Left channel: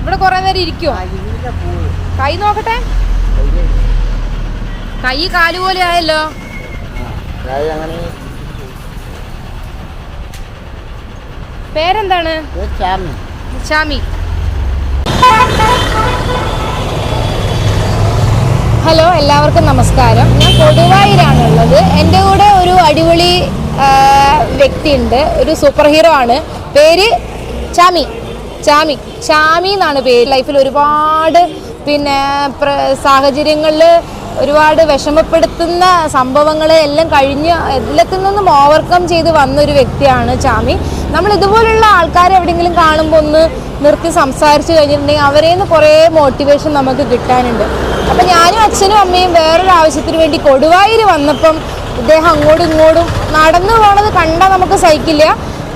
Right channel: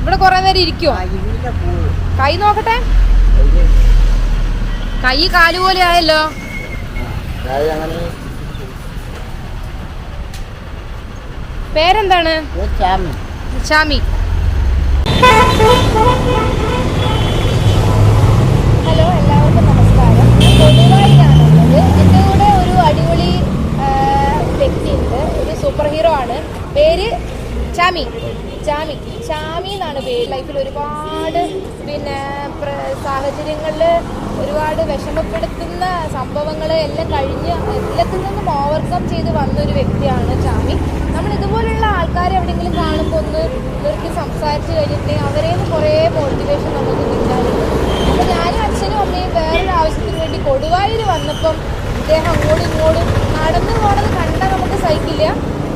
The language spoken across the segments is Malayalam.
ഇവിടെ കുറെ നേരം ഇരിക്കുവോ? ആ കൈ നോക്കട്ടെ. കൈ. കാൽ പോലെ ആയല്ലോ. പേരെന്താണ്? ഷാമി ഹലോ എല്ലാവർക്കും നമസ്കാരം. ഞാൻ കൊടുവായിലാണുള്ളത് എന്റെ കൂടെ ഒരു അടിപൊളി ആ, വ്യക്തിയുണ്ട്. ഒരു സൂപ്പർ ഹീറോ ആണ്. പേര് ചാമി. ചാമി. ചാമി എന്നാണ് പേര്. ലൈഫിൽ ഒരുപാട് പിന്നെ സാഹചര്യങ്ങളിൽ ഒരുപാട് വിഷമപ്പെടുത്തുന്ന സംഭവങ്ങളെ എല്ലാം കഴിഞ്ഞ് എല്ലാത്തിൽ നിന്നും ഓവർകം ചെയ്ത് വന്നൊരു വ്യക്തിയാണ് ചാമി. നമ്മൾ ഇതുപോലുള്ള ആൾക്കാരെ എവിടെയെങ്കിലും കാണുമ്പോൾ ഒന്ന് നിർത്തി സംസാരിച്ചു കഴിഞ്ഞിട്ടുണ്ടെങ്കിൽ അവരെ നിന്ന് കുറേ മോട്ടിവേഷൻ നമുക്ക് കിട്ടാനുണ്ട്. അപ്പം ഞാനും അച്ഛനും അമ്മയും വേറൊരു ആവശ്യത്തിന് വേണ്ടി കൊടുവായിൽ വന്നപ്പം ഇദ്ദേഹം അങ്ങോട്ടും ഇങ്ങോട്ടും നടന്നു പോണത് കണ്ടാൽ നമുക്ക് സഹിക്കില്ല.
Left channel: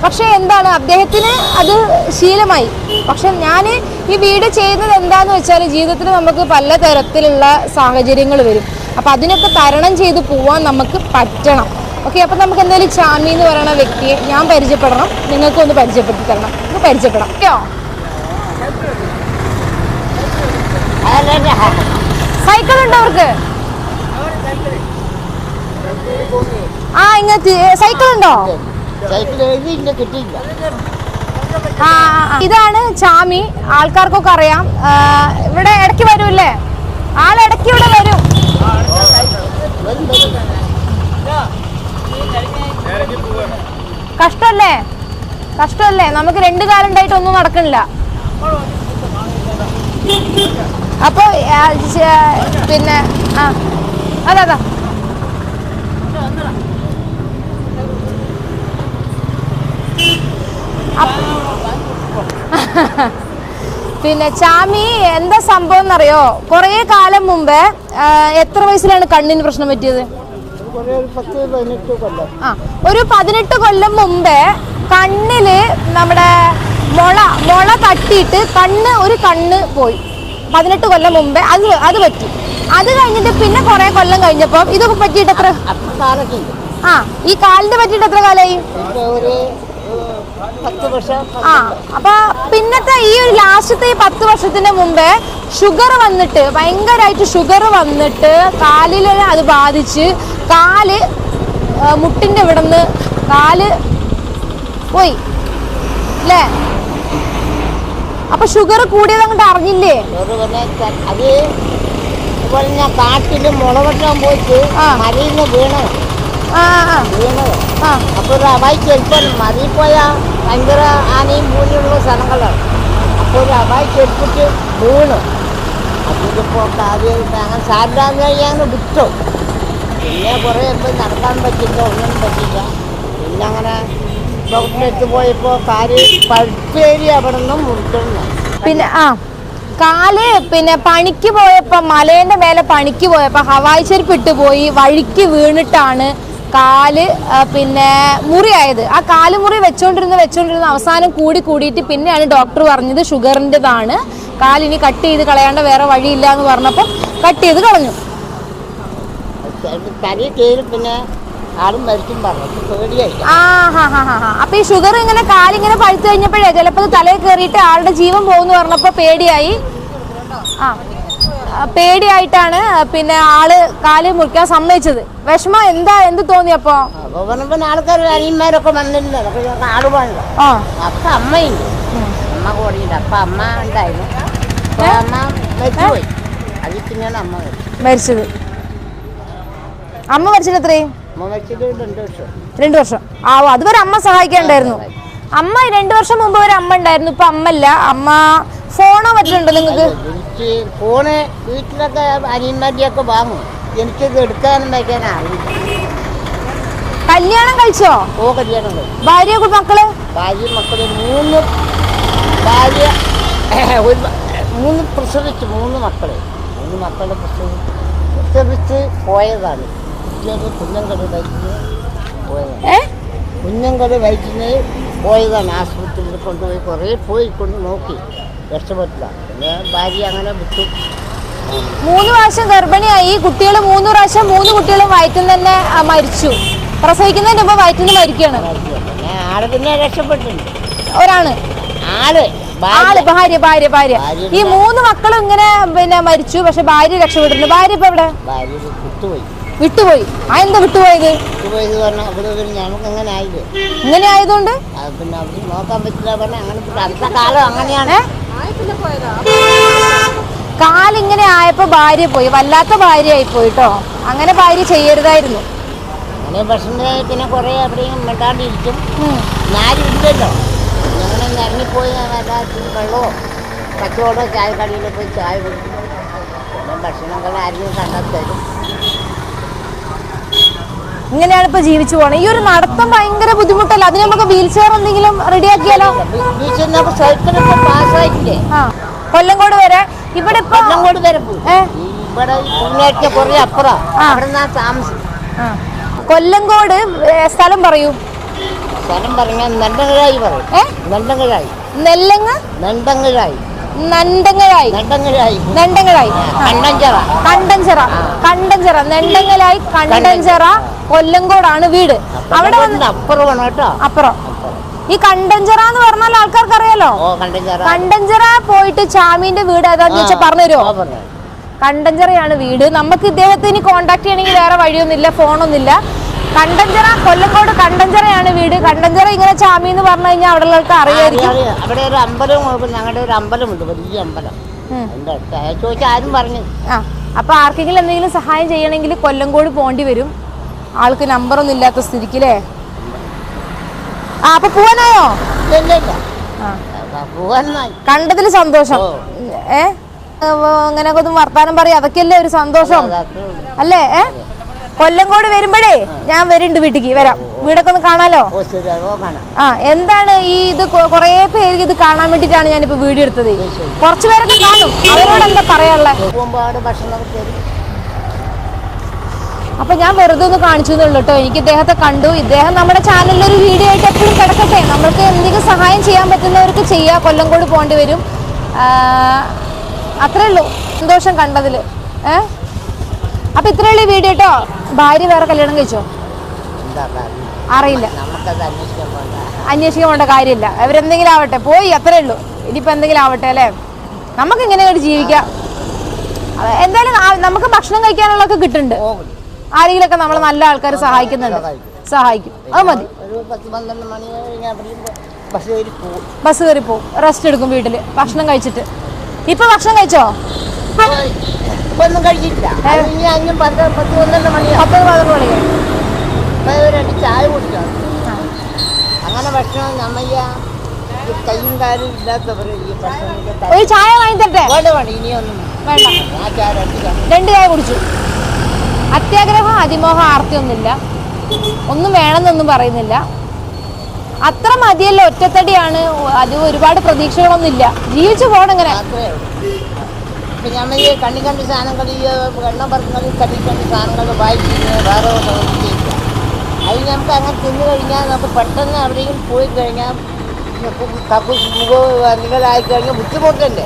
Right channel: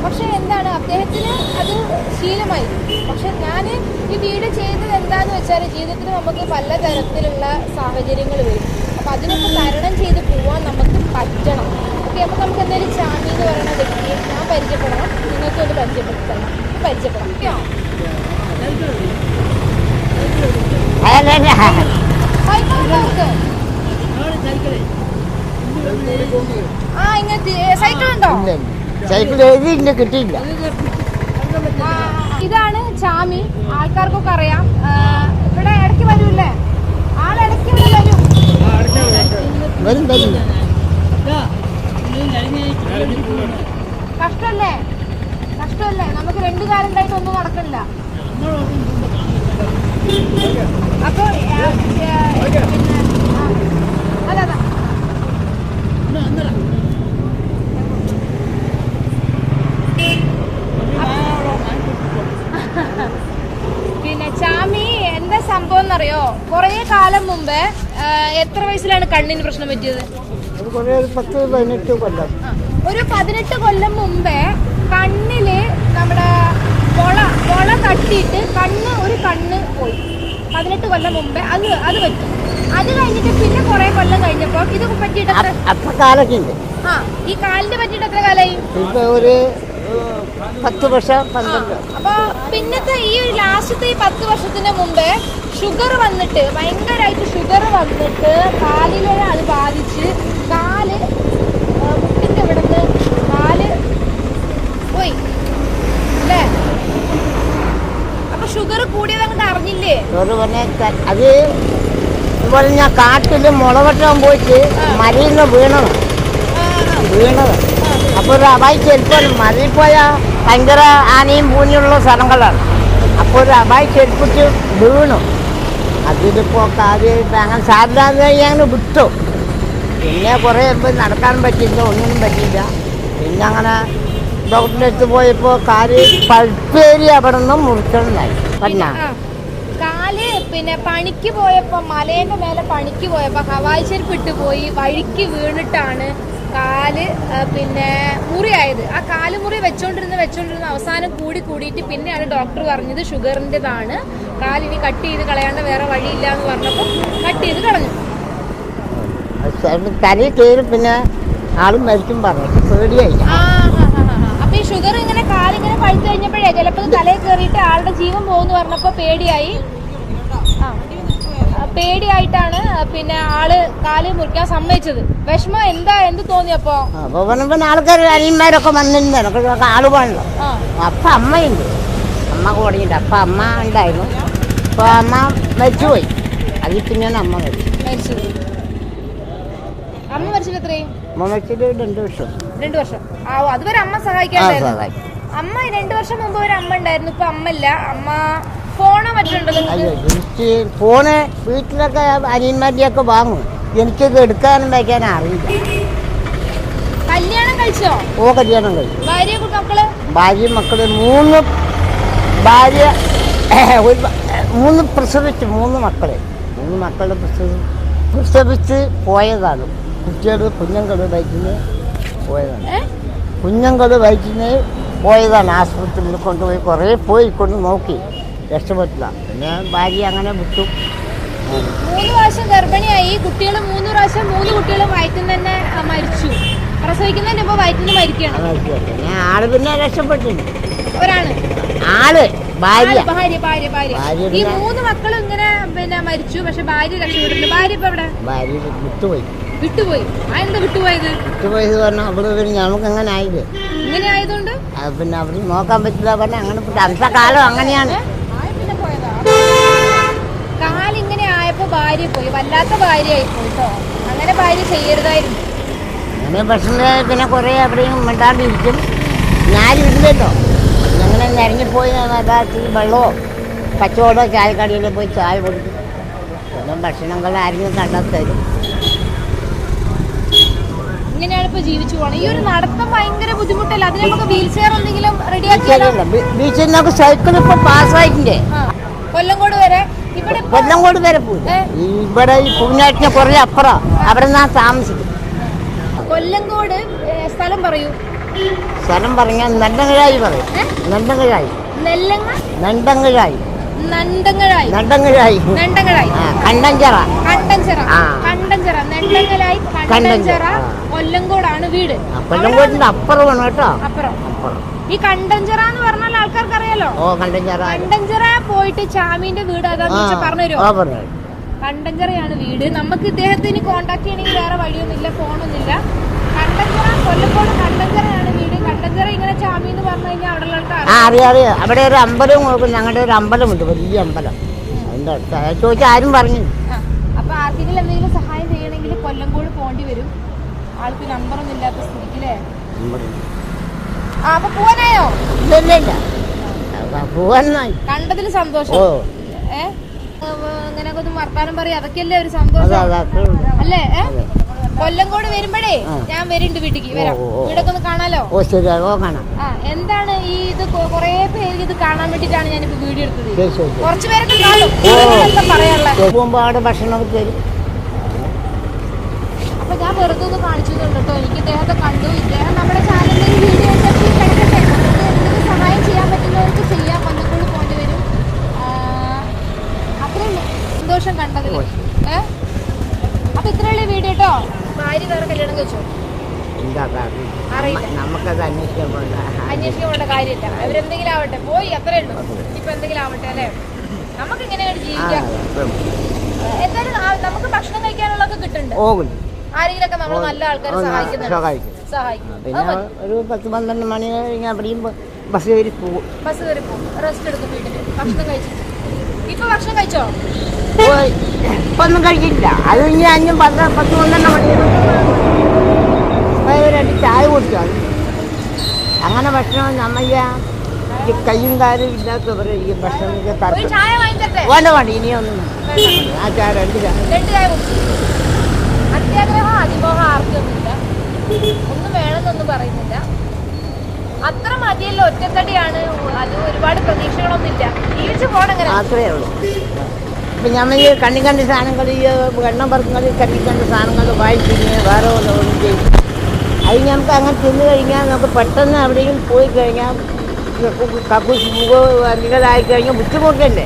പക്ഷേ എന്താണ് അദ്ദേഹത്തിന് അത് ശീലമായി. പക്ഷെ ഞാൻ ഈ വീട് ചെയ്യുന്നത് എന്താന്ന് വെച്ചാൽ ജീവിതത്തിൽ നമുക്ക് പല തരത്തിലുള്ള സാഹചര്യങ്ങൾ വരും. അപ്പോൾ അതിനൊക്കെ തരണം ചെയ്ത് പോവാൻ നമുക്ക് പറ്റണം. ഓക്കെ അപ്പോൾ നമുക്ക് എന്തായാലും ചാമി എന്ന് പറയുന്ന വ്യക്തിയെ ഞാൻ പരിചയപ്പെടണം. നിങ്ങൾക്ക് ഒന്ന് പരിചയപ്പെടുത്തി തരണം. നമുക്ക് പരിചയപ്പെടാം. ഓക്കെയോ സൈക്കിൾ ഉണ്ടോ അവർക്ക്? ആ ഇങ്ങനത്തെ സൈക്കിൾ ഉണ്ടോ? സൈക്കിൾ എഴുതി കിട്ടിയില്ല. ആ, ആ, ഇതാണ് ചാമി. ആൾക്കാർക്കൊക്കെ അറിയാം. ഇവിടെ ഇടയ്ക്ക് വരൂല്ലേ ആളിടയ്ക്ക് ഇവിടെ വരും. കഷ്ടല്ലേ? കഷ്ടല്ലേ? നമുക്ക് രണ്ട് കാലം ഉണ്ടായിട്ട് ഒന്നും നടക്കണില്ല. അപ്പൊ പിന്നെ ആ അതാ അതാ പിന്നെ ചാമി എന്താ സംഭവം എന്നറിയോ? കുറേ കാലം മുമ്പ് എത്ര വയസ്സിലാണ് കണ്ണിന് പ്രശ്നം പറ്റിയത്? ഒരു പതിനെട്ട് കൊല്ലം ആ ഒരു പതിനെട്ട് കൊല്ലം മുമ്പേ കണ്ണിൽ നമ്മുടെ മുള മുള തട്ടിയിട്ട് കണ്ണ് ഒരു കണ്ണ് പോയി. പതിനെട്ട് കൊല്ലം മുമ്പേ അത് അത് പറ്റി. അത് കഴിഞ്ഞിട്ട് പിന്നെ കുറെ കൊല്ലം കഴിഞ്ഞപ്പോ ഇത് പറ്റിയിട്ട് എത്ര? ആ ഈ കാലിന്റെ പറ്റിയിട്ട് എത്ര കാലായി? ഒരു പത്ത് വർഷം ആ അപ്പൊ പിന്നത്തെ ഈ ഒരു ലാസ്റ്റത്തെ ഈ പത്ത് വർഷത്തിന് മുമ്പേ ഷുഗർ വന്നിട്ട് ഭയങ്കരമായിട്ട് ഷുഗർ വന്നിട്ട് കാലിൽ അത് ബാധിച്ച് കാൽ മുട്ടിന്റെ മുട്ടിന്റെ ഇവിടുന്ന് കാൽ പോയി അല്ലേ? അപ്പൊ ഷുഗർ കൂടിയത് അങ്ങോട്ട് അറിഞ്ഞില്ലേ? അത് ഞാൻ കാട്ടിൽ മുളവട്ടം പോയിട്ട് മരിയിൽ നിന്ന് വീണത്. ആ ആ, വീണത് അപ്പോൾ ഒരു അവായി ചെരുപ്പം മലയിൽ പോയാൽ ഭയങ്കര ആനയും പൂഞ്ഞുള്ള സ്ഥലങ്ങളാണ് അപ്പോൾ ഒരു അവായി ചെരുപ്പിച്ച് വീണു അതിലിപ്പോൾ കാര്യമായിട്ട് അങ്ങനെ സാധാരണ ഞാൻ വിട്ടു പിന്നെ കുറേ ഇപ്പം നടക്കാൻ പറ്റില്ല ഒന്നും പറ്റില്ല പിന്നെ അങ്ങനെ ഡോക്ടറെ പോയപ്പോൾ കാര്യം പഴുപ്പേരി അവിടെ നിന്ന് മുറിക്കണമെന്നായി പിന്നെ ആ കാൽ പിന്നെ പണിക്ക് പോയപ്പോ മലേന്റെ മേലെ പണിക്ക് പോയപ്പോ ഹവായി ചെരുപ്പ് ഇട്ടുപോയി വഴിക്ക് വീണിട്ടാണ് കാൽ പിന്നെ മുറിയായത്. ആ കാൽ മുറി വെച്ചോണ്ടിരുന്ന് വെച്ചോണ്ടിരുന്ന അവസാനം കൂടി കൂടിയിട്ട് പിന്നെയാണ് ഡോക്ടർ പറഞ്ഞത് ഷുഗറിന്റെതാണ്. കാലിനി കട്ട് ചെയ്ത് കളയാണ്ട് വേറെ വഴിയില്ല എന്ന് പറഞ്ഞപ്പോൾ കട്ട് ചെയ്ത് കളഞ്ഞു. കരി പിന്നെ ആളും മരിക്കും പറഞ്ഞു അപ്പൊ ഈ ഷുഗർ ഇങ്ങനെ കാലിങ്ങനെ പഴുത്തു കഴിഞ്ഞപ്പോഴേ ചിലപ്പോൾ തലയിൽ കയറിയിട്ട് ആളുടെ ജീവൻ പോകുന്നു പറഞ്ഞപ്പോ പേടിയായി. ആ, പേടിയായിട്ടാണ് പിന്നെ ആൾ കാൽ മുറിക്കാൻ സമ്മതിച്ചത്. വിഷമം എന്താ എന്ത് തോന്നിയപ്പോ ആൾക്കാർ അനിയന്മാരൊക്കെ വന്നിട്ടുണ്ട്. ആളുകളുണ്ട്. അപ്പം അമ്മയുണ്ട്. അമ്മ കൂടിയുണ്ട് അപ്പം അമ്മ ഉണ്ടായിരുന്നു. അപ്പോൾ അമ്മ മരിച്ചുപോയി. അതിൽ പിന്നെയാണ് അമ്മ മരിച്ചത്. അമ്മ മരിച്ചിട്ട് എത്രയും രണ്ട് വർഷം. ആ അതുവരെ അമ്മ സഹായിക്കാണ്ടായിരുന്നു. അമ്മ രണ്ടു വർഷം മുമ്പ് വരെ അമ്മ ഉണ്ടായിരുന്നു. ഇപ്പൊ അമ്മല്ല അമ്മ ഫോണോ മറ്റുണ്ടോ നിങ്ങൾക്ക്? ഫോണ് വീട്ടിലൊക്കെ അനിയന്മാരുടെയൊക്കെ വാങ്ങും. എനിക്ക് എടുക്കാനും വയ്ക്കാനും അറിയില്ല കല്യാണം കഴിച്ചോ? ഓ കല്യാണം കഴിച്ചു. ഭാര്യ മക്കൾ? ഭാര്യയും മക്കൾ മൂന്ന് ഭാര്യ മൂന്ന് പ്രസവിച്ചു മൂന്ന് മക്കൾ. മൂന്ന് മക്കളെ പ്രസവിച്ച് പ്രസവിച്ച് പോയതാണ്. കുട്ടികൾ കുഞ്ഞുങ്ങൾ വയറ്റിന് പോയതാണ്. കുഞ്ഞുങ്ങൾ വയറ്റിന് പോയതാണ്. ആശുപത്രിയിൽ കൊണ്ടുപോയി കുറേ പോയി കൊണ്ട് നോക്കി. രക്ഷപ്പെട്ടില്ല. പിന്നെ ഭാര്യ അങ്ങനെ വിട്ടു. മൂന്ന് പ്രാവശ്യം ഗർഭിണിയായി. കുട്ടികൾ മൂന്ന് പ്രാവശ്യം മൂന്ന് കുട്ടികളും വയറ്റിൽ തന്നെ മരിച്ചു. പ്രസവിക്കുന്നതിന് മുമ്പ് വയറ്റിൽ നിന്ന് മരിക്കുകയാണ്. പിന്നെ ആൾ പിന്നെ രക്ഷപ്പെട്ടില്ല. ഒരാണ് ആൾ ഭാര്യ. ഭാര്യ ഭാര്യ ഭാര്യ. ഈ മൂന്ന് മക്കളും ഇങ്ങനെ പിന്നെ മരിച്ചു. പക്ഷെ ഭാര്യ രക്ഷപ്പെട്ടില്ല. ഭാര്യ ഇപ്പൊ എവിടെ? ഭാര്യ വിട്ടുപോയി. വിട്ടുപോയി. ആ എന്താ വിട്ടുപോയത്? വിട്ടുപോയി എന്ന് പറഞ്ഞാൽ അവിടെ പിന്നെ നമുക്ക് അങ്ങനെ ആയില്ലേ? ഇങ്ങനെ ആയതുകൊണ്ട്? പിന്നെ അവിടെ നോക്കാൻ പറ്റില്ല. പറഞ്ഞാൽ അങ്ങനെ. അടുത്ത കാലം അങ്ങനെയാണ്. കാലിങ്ങനെ ആയപ്പോ ഭാര്യ പോയി. വല്ലാത്ത ഭാര്യയായി പോയിട്ടോ. അങ്ങനെ ഭാര്യ ചെയ്യരുതായിരുന്നു. പിന്നെ ഭക്ഷണം പിന്നെ കുറെ അവിടെയും മിണ്ടാണ്ടിരിക്കും. അങ്ങനെ ഇറങ്ങിപ്പോയി യഥാർത്ഥത്തിൽ വെള്ളമോ കച്ചവടമോ ചായക്കടയിൽ പോയി ചായ കൊടുക്കും ഭക്ഷണങ്ങൾ ആരും കണ്ടെത്തരും ഇങ്ങനെയാണ് ഇപ്പൊ ജീവിച്ചു പോണത് ഈ ഒരു നടത്തം ഭയങ്കര ബുദ്ധിമുട്ടല്ല? അതിന് നമുക്ക് വീൽ ചെയർ എന്തെങ്കിലും റെഡിയാക്കിയാലോ? ആക്കിയാലോ സൈക്കിൾ ഇപ്പൊ പാസ്സായിട്ടുണ്ട് കൊല്ലങ്കോട് വരെ? ഇവിടെ കൊല്ലങ്കോട് വരെ ഇവിടെ കുറേ അപ്പുറം. അവിടെ നിന്നാ കൊല്ലങ്കോട് സ്ഥലം പറയൂ. സ്ഥലം പറഞ്ഞാൽ നല്ലതായി പറയും. നല്ലതായി നെല്ലങ്ങ്? നണ്ടങ്കിഴായി കണ്ടഞ്ചിറ. കണ്ടഞ്ചിറ. കൊല്ലങ്കോടാണ് വീട്. അവിടെ അപ്പുറമാണ് കേട്ടോ. അപ്പുറം. ഈ കണ്ടഞ്ചറ എന്ന് പറഞ്ഞാൽ ആൾക്കാർക്ക് അറിയാലോ കണ്ടഞ്ചറ. പോയിട്ട് ചാമീന്റെ വീട് ഏതാന്ന് പറഞ്ഞു പറഞ്ഞുതരുമോ കണ്ടഞ്ചറയാണ്. വീട്. നമുക്ക് ഇദ്ദേഹത്തെ ഇനി കോണ്ടാക്ട് ചെയ്യണമെങ്കിൽ വേറെ വഴിയൊന്നുമില്ല ഫോണൊന്നുമില്ല കണ്ടഞ്ചിറ കൊല്ലക്കോട് കണ്ടഞ്ചറയാണ് വീട്. കണ്ടഞ്ചറ ഇങ്ങനെ ചാമി എന്ന് പറഞ്ഞു കഴിഞ്ഞാൽ അവിടെ ഉള്ളവർക്ക് അറിയാം. അറിയാം അവിടെ ഒരു അമ്പലം ഞങ്ങളുടെ ഒരു അമ്പലമുണ്ട് വലിയ അമ്പലം. ചോദിച്ചാൽ ആരും പറഞ്ഞു ആ അപ്പൊ ആർക്കെങ്കിലും എന്തെങ്കിലും സഹായം ചെയ്യണമെങ്കിൽ കൊല്ലങ്കോട് പോണ്ടി വരും. ആൾക്ക് നമ്പറൊന്നും ഇല്ലാത്ത സ്ഥിതിക്ക് അല്ലേ ആ അപ്പൊ പോവാനായോ? കണ്ടതിൽ കണ്ടതിൽ സന്തോഷം. ഏഹ് ഏ? അങ്ങനെയൊക്കെ ഒന്ന് വർത്താനം പറയാം. അതൊക്കെയല്ലേ ഒരു സന്തോഷം? അല്ലേ? ഏ? കൊല്ലങ്കോട് വരുമ്പോഴേ ഞാൻ വരുന്നുണ്ട് വീട്ടിക്ക്. വരാം. വീടൊക്കെ ഒന്ന് കാണാലോ? ആ എന്താണ് ഈ ഇത് കൊറേ പേര് ഇത് കാണാൻ വേണ്ടിട്ടാണ് ഞാനിപ്പോ വീഡിയോ എടുത്തത്. കുറച്ചു. പേരൊക്കെ കാണും. അവരോട് എന്താ പറയാനുള്ളത് ഭക്ഷണം അപ്പൊ ഞാൻ വെറുതെ ഒന്ന് കാണിച്ചു എന്നുള്ളൂ കേട്ടോ. എനിക്ക് ഇദ്ദേഹത്തെ കണ്ടു. ഇദ്ദേഹം നമ്മുടെ ചാനലിൽ ഒരു വീഡിയോ ആയിട്ട് എപ്പോഴും കിടക്കട്ടെ. നമ്മൾക്ക് എന്തെങ്കിലും സഹായം ചെയ്യാൻ പറ്റുന്നവർക്ക് ചെയ്യാം. കൊല്ലംകോട് പോകേണ്ടി വരും. അത്രേ ഉള്ളൂ. സന്തോഷം കണ്ടതിൽ. ഏഹ് അപ്പൊ ഇത്രേ ഉള്ളൂ വീഡിയോ കേട്ടോ ഭാര്യ വേറെ കല്യാണം കഴിച്ചോ? അറിയില്ല. അന്വേഷിക്കാൻ വേണ്ട കാര്യമില്ല. അവരെന്തെങ്കിലും ആവട്ടെ. പോയി അത്രേ ഉള്ളൂ. ഇനിയിപ്പോ എന്തെങ്കിലും ആവട്ടെ അല്ലേ? നമുക്ക് ഇങ്ങനെ ഒരു ജീവിക്കാം. എന്തായാലും നമുക്ക് ഭക്ഷണം കഴിക്കാനുള്ളതൊക്കെ കിട്ടുന്നുണ്ട്. ആരെങ്കിലും ആരെങ്കിലൊക്കെ നമ്മളെ നല്ല ആൾക്കാർ സഹായിക്കുന്നുണ്ട്. സഹായിക്കും. അത് മതി. ബസ് കയറി പോകും. റെസ്റ്റ് എടുക്കും വീട്ടിൽ. ഭക്ഷണം കഴിച്ചിട്ട്. ഇപ്പൊ ഭക്ഷണം കഴിച്ചോ? ഒന്നും കഴിക്കില്ല അത് ഇനി അഞ്ഞും പത്ത് പത്ത് പന്ത്രണ്ട് മണി പത്ത് പതിനൊന്ന് മണി. രണ്ട് ചായ കുടിക്കാം അങ്ങനെ ഭക്ഷണം നമ്മയ്യ കയ്യും കാലും ഇല്ലാത്തവർ ഒരു ചായ വാങ്ങിത്തട്ടെ വേണ്ട വേണ്ട ഇനിയൊന്നും ആ ചായ രണ്ട് ചായ. കുടിച്ചു. അത്യാഗ്രഹം അതിമോഹം ആർത്തിയൊന്നുമില്ല. ഒന്നും വേണമെന്നൊന്നും പറയുന്നില്ല. അത്ര മതിയല്ല? ഒറ്റത്തടിയാണ്. അത് ഒരുപാട് പ്രതീക്ഷകളൊന്നുമില്ല. ജീവിച്ചു പോകണം അങ്ങനെ ഇപ്പം നമ്മൾ ഈ കണ്ണി കണ്ടി സാധനങ്ങൾ ഈ എണ്ണം പറക്കുന്നത് കണ്ണി കണ്ടി സാധനങ്ങൾ വായിച്ചിരിക്കുന്നത് വേറെ ഒന്നും ചെയ്യും അത് ഞങ്ങൾക്ക് അങ്ങനെ തിന്നു കഴിഞ്ഞാൽ നമുക്ക് പെട്ടെന്ന് എവിടെയും പോയി കഴിഞ്ഞാൽ കക്കൂസ് എന്തെങ്കിലായി കഴിഞ്ഞാൽ ബുദ്ധിമുട്ടല്ലേ?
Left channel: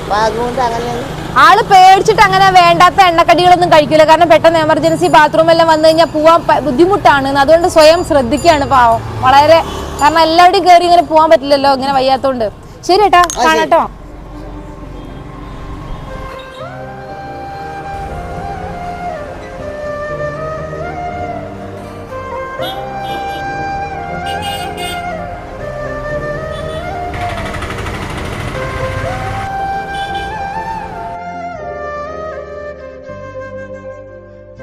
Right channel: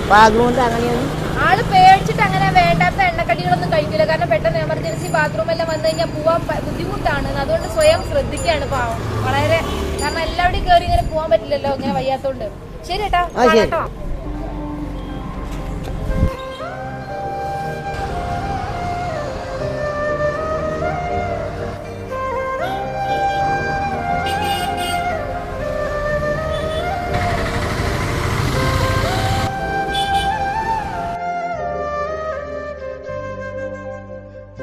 അപ്പം അതുകൊണ്ട് അങ്ങനെയൊന്നും ആൾ പേടിച്ചിട്ട് അങ്ങനെ വേണ്ടാത്ത എണ്ണക്കടികളൊന്നും കഴിക്കില്ല കാരണം പെട്ടെന്ന് എമർജൻസി ബാത്റൂം എല്ലാം വന്നു കഴിഞ്ഞാൽ പോവാൻ ബുദ്ധിമുട്ടാണ്. അതുകൊണ്ട് സ്വയം ശ്രദ്ധിക്കുകയാണ് പാവം. വളരെ കാരണം എല്ലാവരുടെയും കയറി ഇങ്ങനെ പോകാൻ പറ്റില്ലല്ലോ ഇങ്ങനെ വയ്യാത്തോണ്ട്. ശരി ഏട്ടാ കാണാട്ടോ.